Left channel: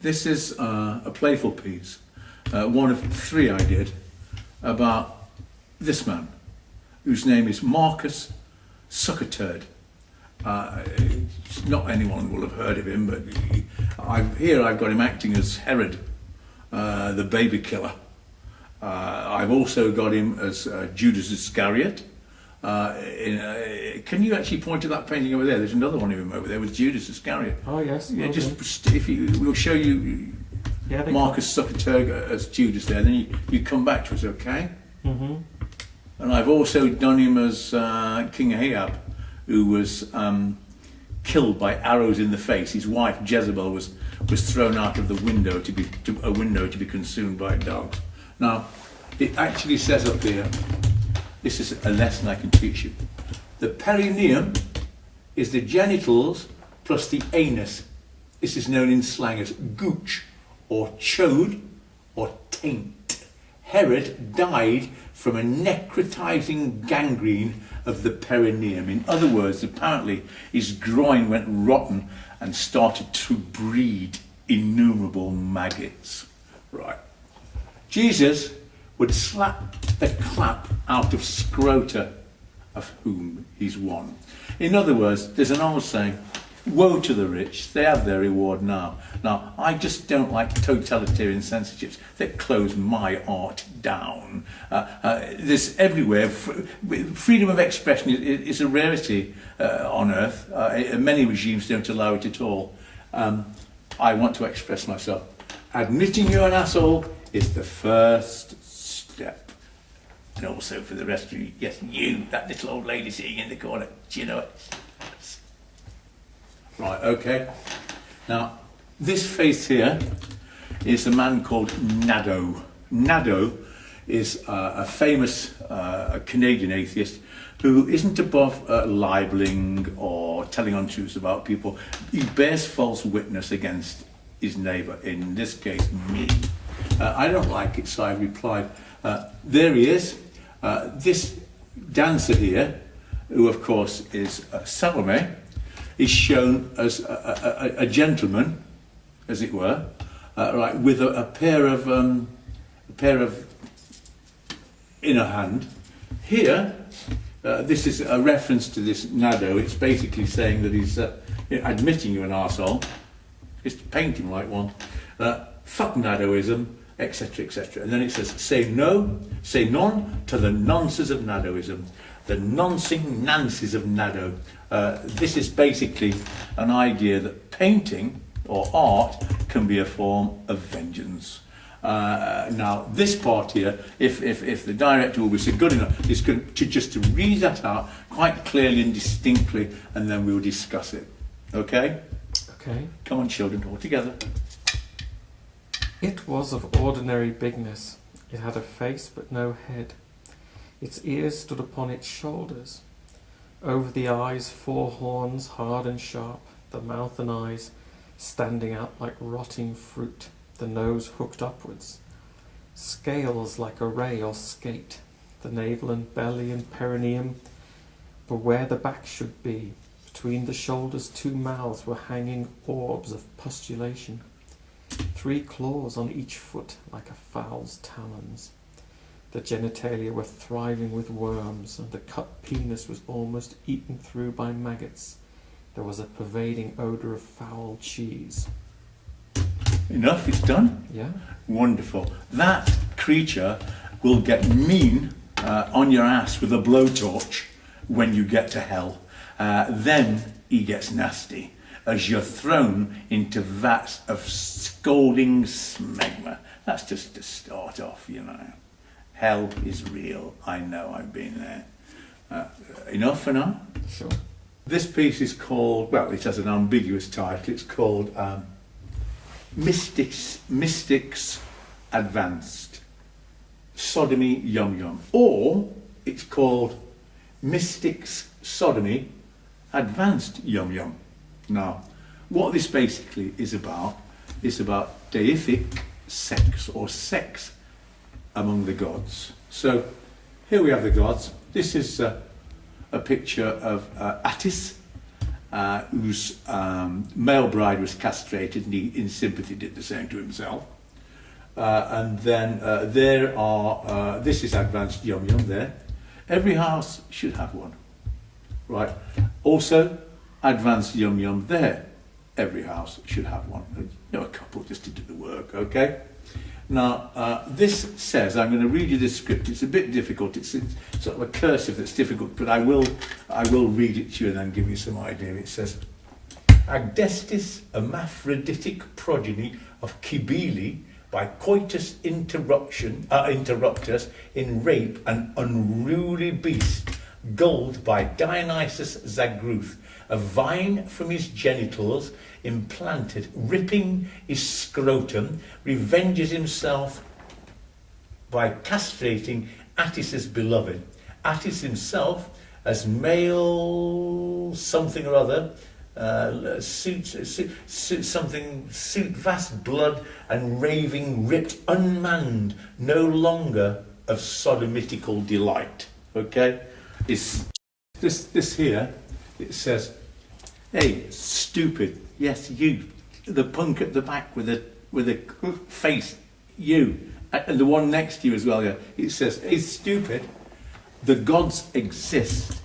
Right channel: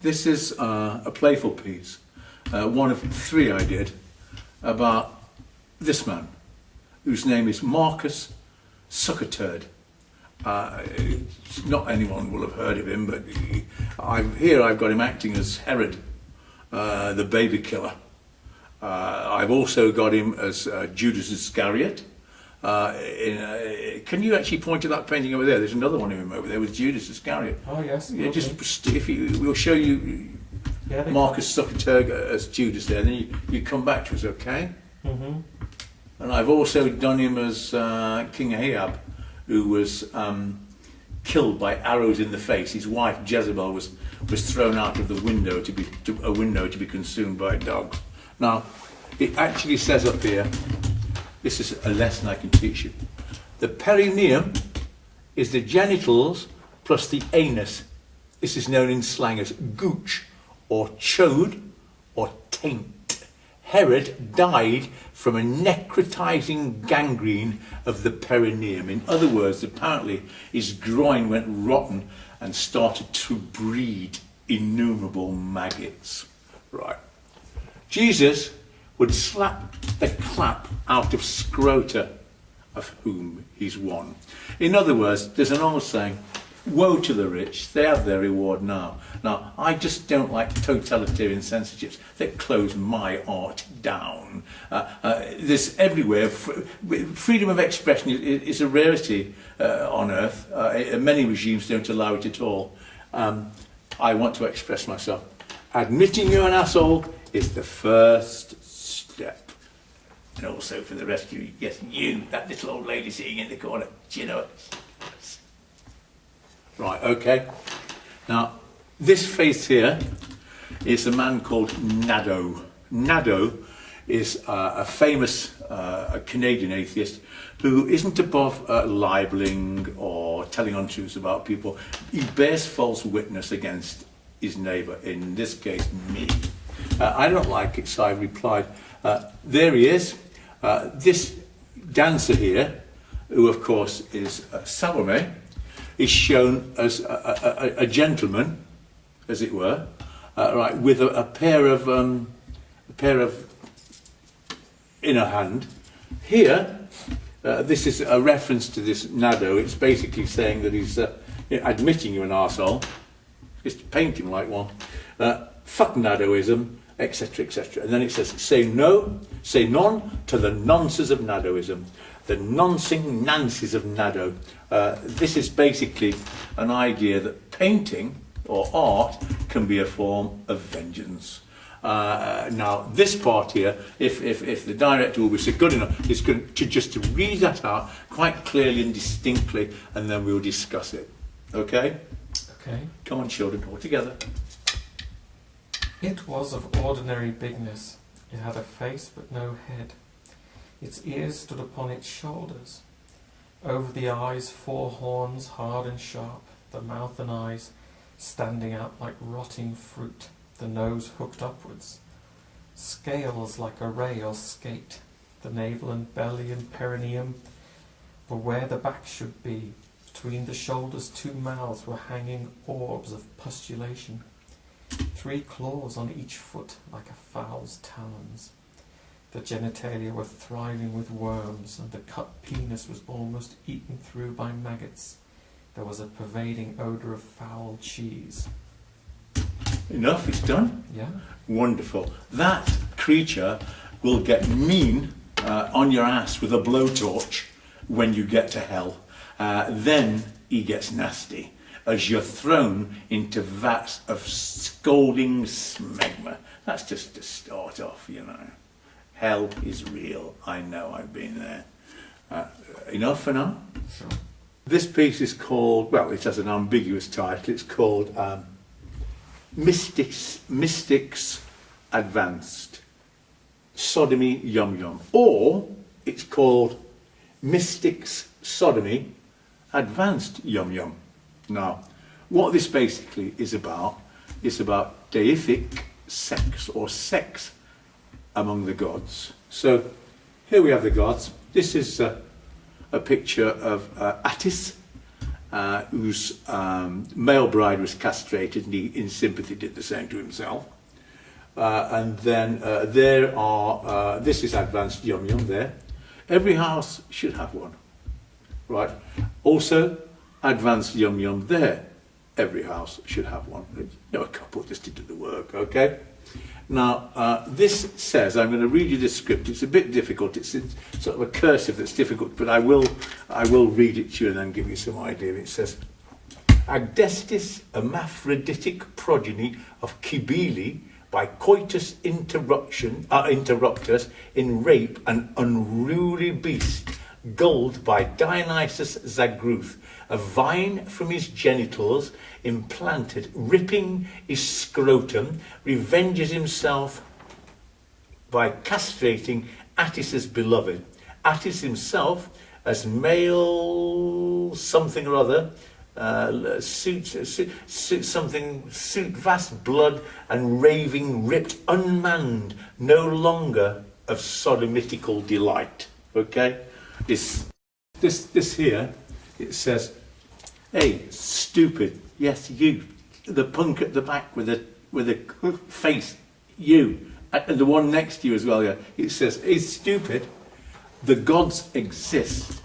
This is a playful piece, one of 3 I did, about this man, whose name is Marcus Suckerturd. Not anyone will have heard of him, but I've got him acting as Herod, the baby killer. I've also got him as Judas Iscariot. Can you actually point to that painting over there? There's another one of him over there with Judas Iscariot. Oh yes. Yeah, okay. just if we'll show you Marcus Suckerturg as Judas there, then you come back to us, okay? Mm-hmm. And I've also done him as King Ahab, who was killed by arrows in the face. His wife Jezebel was thrown out of the window to be consumed by dogs. Now, it actually says up here, this is a lesson I can teach you. The perineum is the genitals plus the anus. This is known in slang as gooch, or chode, or taint. Herod died from a necrotizing gangrene of the perineum. In other words, apparently his groin went rotten and started to breed innumerable maggots. Right. Jesus would slap the clap out of scrota of whom he's one. In other words, there's an old saying, woe to the rich, they have their reward now. Now, I just don't like totalitarian censorships that close my art down. There's everywhere. Freedom of expression is a rarity on earth. Many regimes don't allow it at all. I want to express myself. Admitting you're an asshole is the first step. And also for the rest of you, yes, you, that little old lady sitting in the corner, do you know it? Right, okay. Now, this face here is a man called Nadeau. Nadeau is a famous Canadian atheist who isn't above libeling or telling untruths about people. He bears false witness against his neighbour, in this case, me. I don't like it, so I replied, there he is. This dancer here, who of course is Salome, is shown as a gentleman, as it were, right, with a pair of in her hand. Here, this is a reference to this Nadeau. It's basically saying that he's admitting you're an arsehole, just paint him like one. Fuck Nadeauism, etc., etc. And then it says, say none to the nonsense of Nadeauism, the noncing nancies of Nadeau. This is basically an idea that painting or art can be a form of vengeance. Now, this part here, if the director will be so good enough, is going to just to read that out quite clearly and distinctly, and then we'll discuss it. Okay? Okay. Come on, children, all together. It was of ordinary bigness. It had a face but no head. Its ears stood upon its shoulders. Over the eyes 4 horns, hard and sharp, the mouth and eyes standing out like rotting fruit, the nose hooked upwards. Scales like a ray or skate, the navel and belly and perineum were where the back should be. Between the shoulders 2 mouths were hanging orbs of pustulation. 3 claws on each foot like a fowl's talons. The genitalia were thriving with worms, and the cut penis was almost eaten through by maggots. There was a pervading odour of foul cheese. Enough, it's done? Yeah. Wonderful. That creature will get mean on your ass with a blowtorch when you get to hell. Then he gets nasty as you're thrown into vats of scalding smegma. That's just to start off, you know. Hell is real. I know, I've been there. Enough for now? Sure. This piece is called, well, it has an ambiguous title. It's called Mystics Advanced. Sodomy Yum Yum. Or it's called Mystics Sodomy Advanced Yum Yum. Now, what this basically is about deific sex, or sex among the gods. So here we have the gods. This is a picture of Attis whose male bride was castrated, and he, in sympathy, did the same to himself. And then there are, this is advanced yum yum there. Every house should have one, right? Also, advanced yum yum there. Every house should have one. You know, a couple just to do the work, okay? Now, this says, I'm going to read you the script. It's a bit difficult. It's sort of a cursive that's difficult, but I will read it to you and then give you some idea. It says, Agdestis, hermaphroditic progeny of Cybele, by coitus interruptus in rape an unruly beast, gulled by Dionysus Zagruth, a vine from his genitals implanted, ripping his scrotum, revenges himself by castrating Attis's beloved. Attis himself, as male something or other, suit vast blood and raving, ripped, unmanned, no longer of sodomitical delight. Okay, this here. It says, "Hey, stupid! Yes, you, the punk at the back with a face, you, and the one next to you as well." Yeah, it says, "Hey, stupid! The gods exist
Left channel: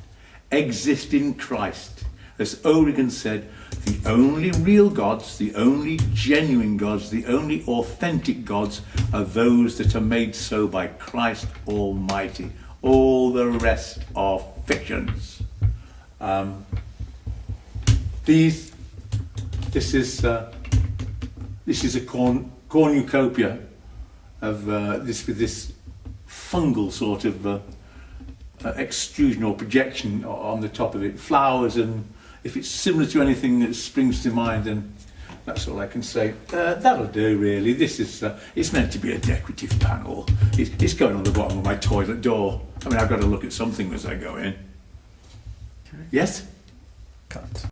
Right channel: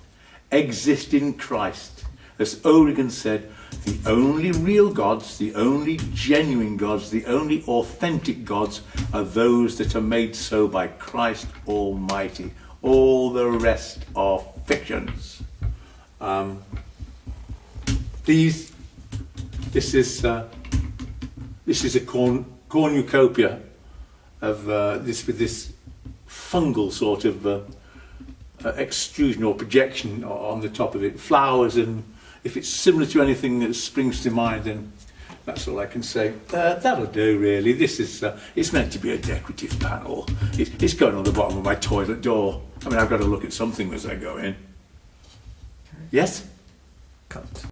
in Christ." As Origen said, the only real gods, the only genuine gods, the only authentic gods are those that are made so by Christ Almighty. All the rest are fictions. This is a cornucopia of this fungal sort of extrusion or projection on the top of it. Flowers, and if it's similar to anything that springs to mind, then that's all I can say. That'll do, really. This is it's meant to be a decorative panel. It's going on the bottom of my toilet door. I mean, I've got to look at something as I go in. Yes? Cut.